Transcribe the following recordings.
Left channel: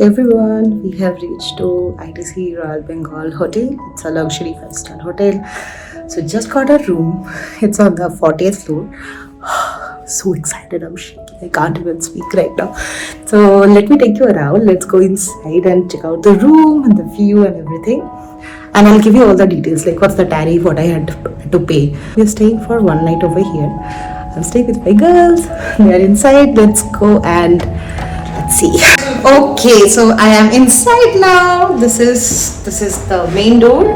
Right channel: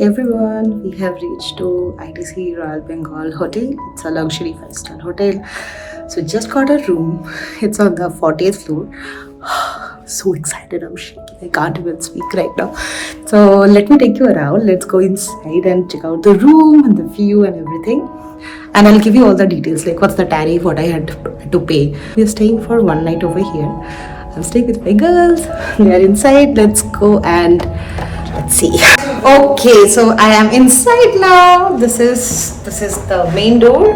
Everyone, we have reached to ITC Royal Bengal Hotel. It's a luxury 5-star hotel. So just got a room. It's on the 40th floor. So excited, I'm shaking. I can't even speak right now. So let me take you around. Let's go inside and check out the room and the view and everything. And I'll give you all the details, like what's the tariff, what I had to pay. We're staying for one night over here. I'm staying with my girls. They are inside. Let's go and let's see. Okay, so I am inside now. This is the main door.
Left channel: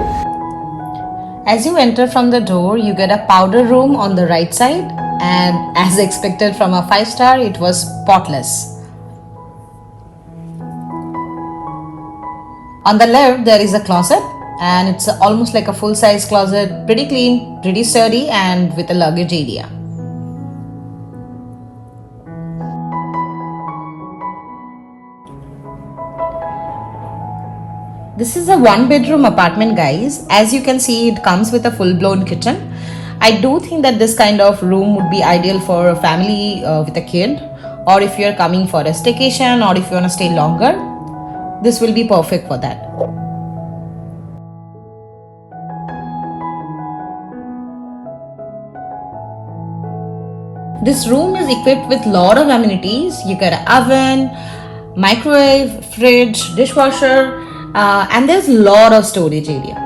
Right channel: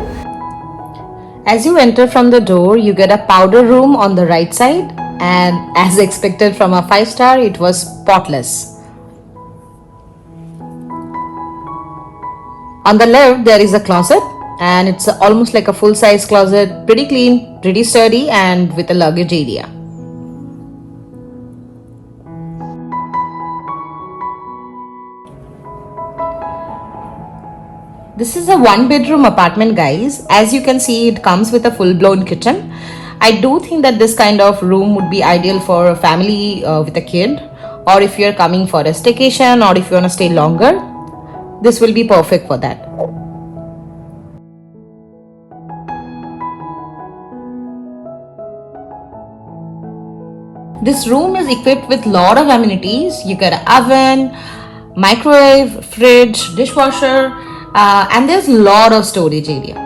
As you enter from the door, you get a powder room on the right side, and as expected from a 5-star, it was spotless. On the left, there is a closet, and it's almost like a full-size closet, pretty clean, pretty sturdy, and with a luggage area. This is a 1-bedroom apartment, guys. As you can see, it comes with a full-blown kitchen. I do think that this kind of room would be ideal for a family with a kid, or if you're coming for a staycation, or if you want to stay longer, this will be perfect for that. This room is equipped with a lot of amenities. You get an oven, microwave, fridge, dishwasher, and there's a lot of storage area.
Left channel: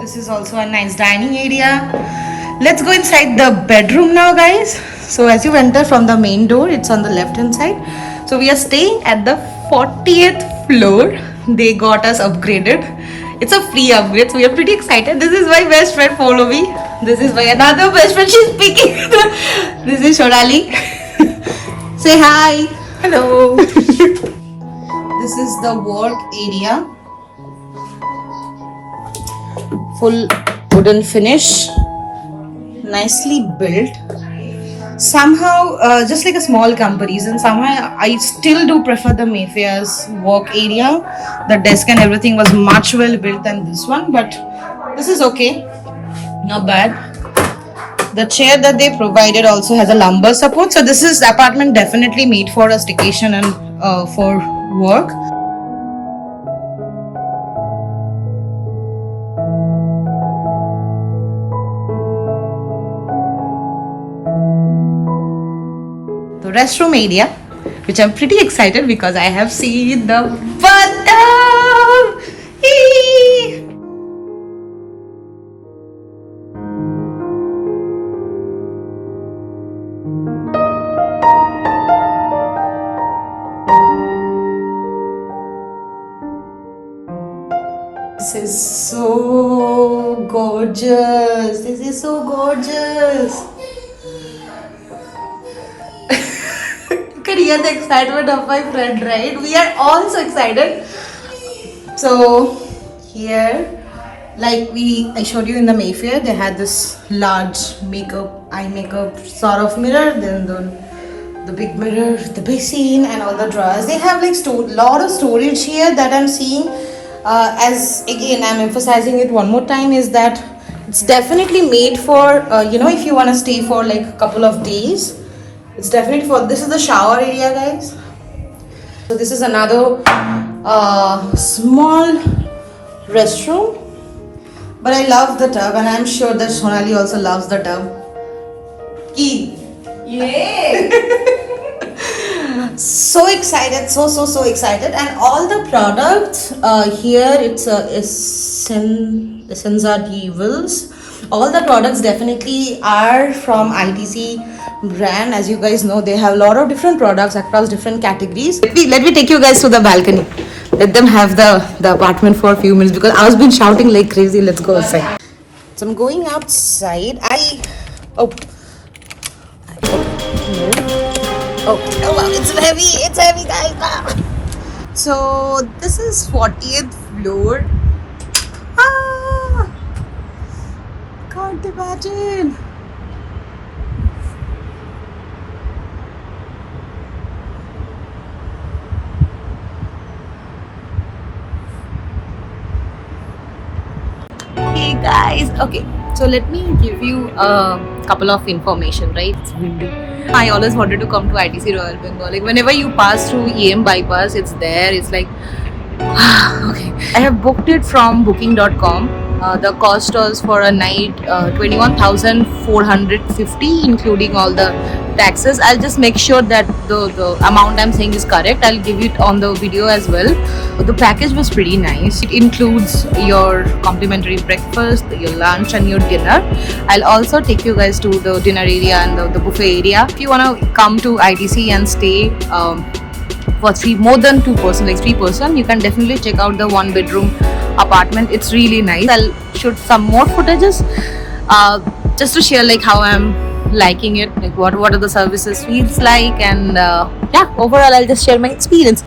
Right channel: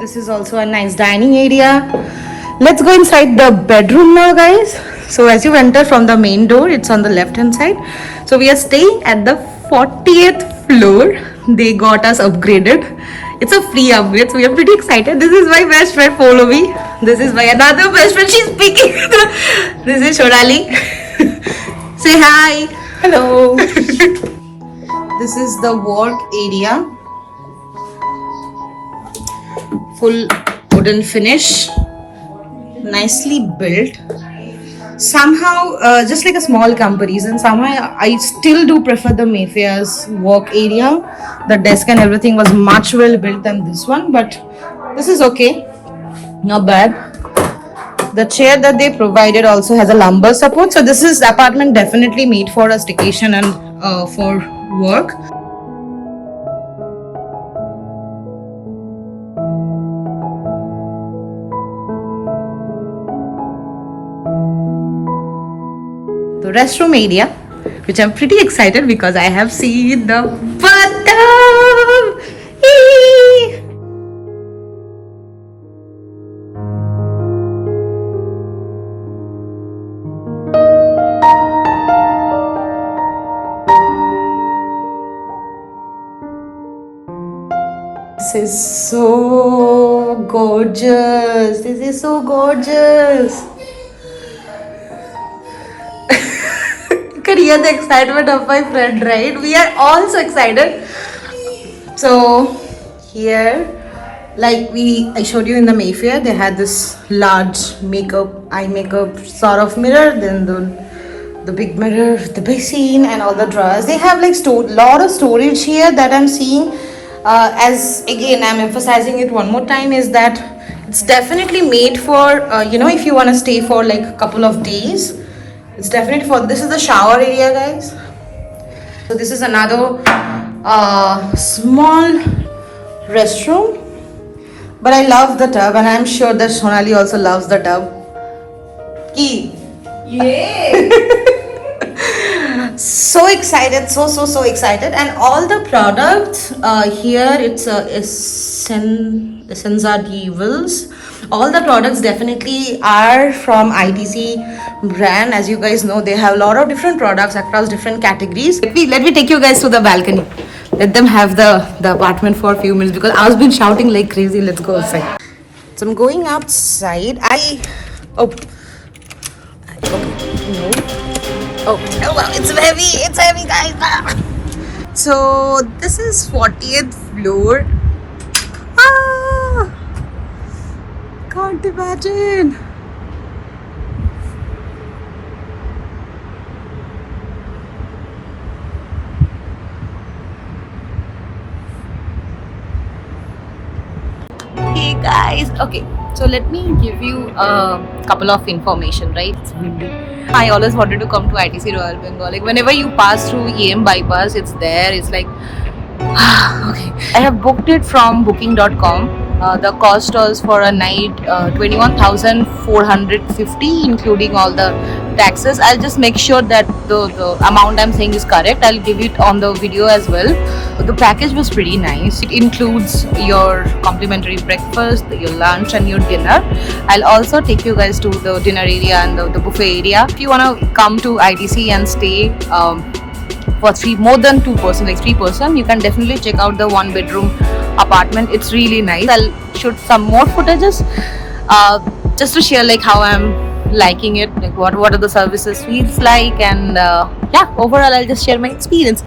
This is also a nice dining area. Let's go inside the bedroom now, guys. So as you enter from the main door, it's on the left hand side. So we are staying at the 40th floor. They got us upgraded. It's a free upgrade, so we are pretty excited. This is my best friend, follow me. This is my another best friend, she's speaking. This is Shorali. Say hi. Hello. This is the work area. Full wooden finish. Nicely built. Somehow, just like a small comparison, somehow I still do prefer the Mayfair's work area. The desk and everything was much well built than this one, but this is okay, not bad. The chair that they provided also has a lumbar support, so this is apartment definitely made for a staycation and for work. The restroom area, which I'm pretty excited because I have seen the bathtub. This is so gorgeous. This is so gorgeous. You can hear the excitement of my friend, right? We are all so excited. So here, like I showed you in the Mayfair, they had this large eye makeup sort of mirror, then the big mirror, the basin and all the drawers. They have like lot of storage here that I'm seeing. As again, I'm emphasizing it one more time, is that it's definitely made for, if you want to stay for like a couple of days. It's definitely for, this is the shower area, guys. So this is another small restroom. But I love the tub, and I'm sure that Sonali also loves the tub. Key. Yay! So excited, so excited. And all the products here, it's Essence are Evils. All the products definitely are from ITC brand. As you guys know, they have a lot of different products across different categories. Let me take you guys to the balcony. Let them have the apartment for a few minutes because I was been shouting like crazy. Let's go outside. So I'm going outside. Oh, okay, no. Oh wow, it's heavy, guys. So this is 40th floor. Ah, can't imagine. Hey guys, okay, so let me give you a couple of information, right? It's windy. I always wanted to come to ITC Royal Bengal. Like whenever you pass through EM bypass, it's there. It's like okay. I have booked it from booking.com. The cost was for a night 21,450, including all the taxes. I'll just make sure that the amount I'm saying is correct. I'll give it on the video as well. The package was pretty nice. It includes your complimentary breakfast, your lunch, and your dinner. I'll also take you guys to the dinner area and the buffet area. If you want to come to ITC and stay for more than 2 person, like 3 person, you can definitely check out the 1 bedroom apartment. It's really nice. I'll shoot some more footages just to share like how I'm liking it, like what are the services feels like, and yeah, overall I'll just share my experience.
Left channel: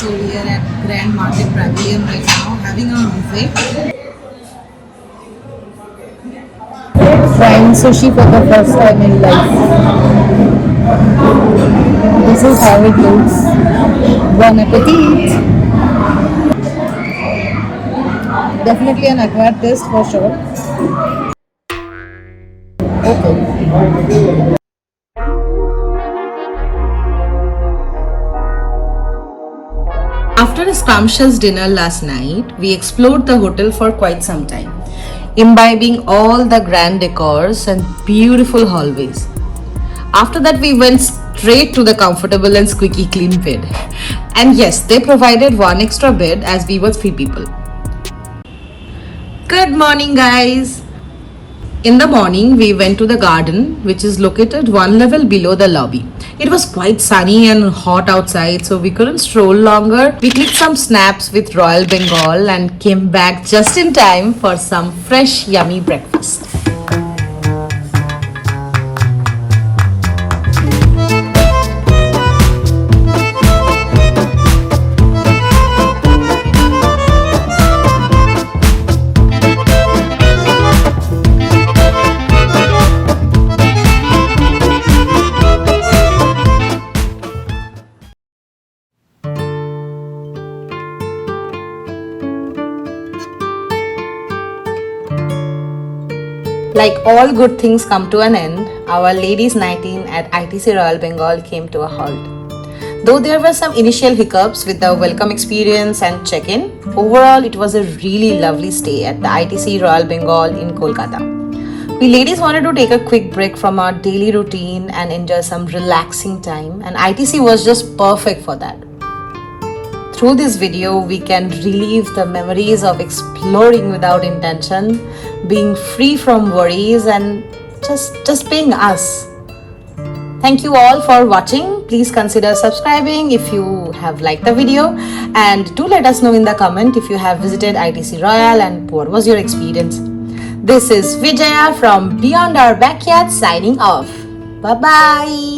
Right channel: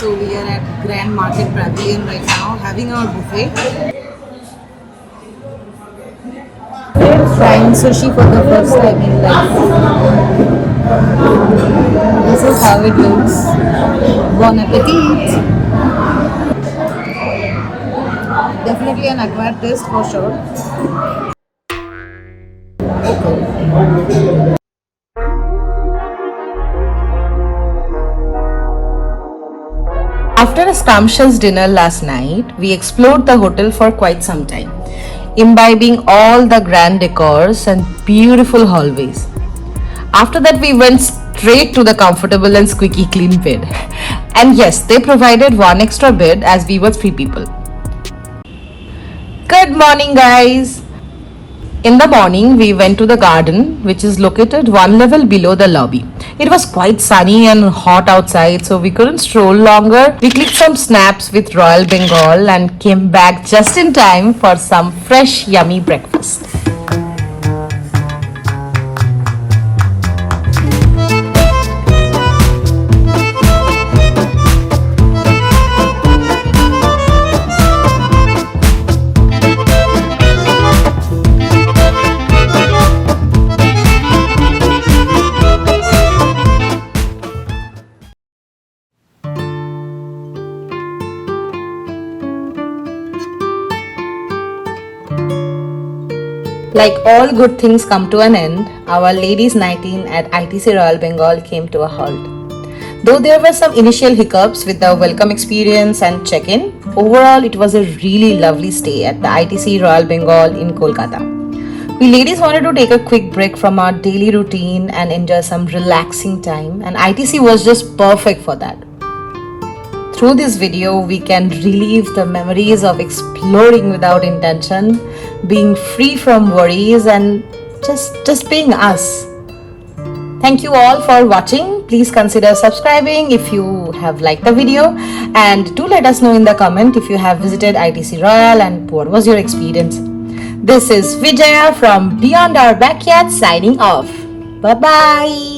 So we are at Grand Market Pavillion right now, having our buffet. Trying sushi for the first time in life. This is how it looks. Bon appetit! Definitely an acquired taste for sure. Okay. After a scrumptious dinner last night, we explored the hotel for quite some time, imbibing all the grand decors and beautiful hallways. After that, we went straight to the comfortable and squeaky clean bed. And yes, they provided one extra bed as we were 3 people. Good morning, guys! In the morning, we went to the garden, which is located 1 level below the lobby. It was quite sunny and hot outside, so we couldn't stroll longer. We clicked some snaps with Royal Bengal and came back just in time for some fresh, yummy breakfast. Like all good things come to an end, our ladies' night in at ITC Royal Bengal came to a halt. Though there were some initial hiccups with the welcome experience and check-in, overall it was a really lovely stay at the ITC Royal Bengal in Kolkata. We ladies wanted to take a quick break from our daily routine and enjoy some relaxing time, and ITC was just perfect for that. Through this video, we can relive the memories of exploring without intention, being free from worries, and just being us. Thank you all for watching. Please consider subscribing if you have liked the video, and do let us know in the comment if you have visited ITC Royal and what was your experience. This is Vijaya from Beyond Our Backyard signing off. Bye bye.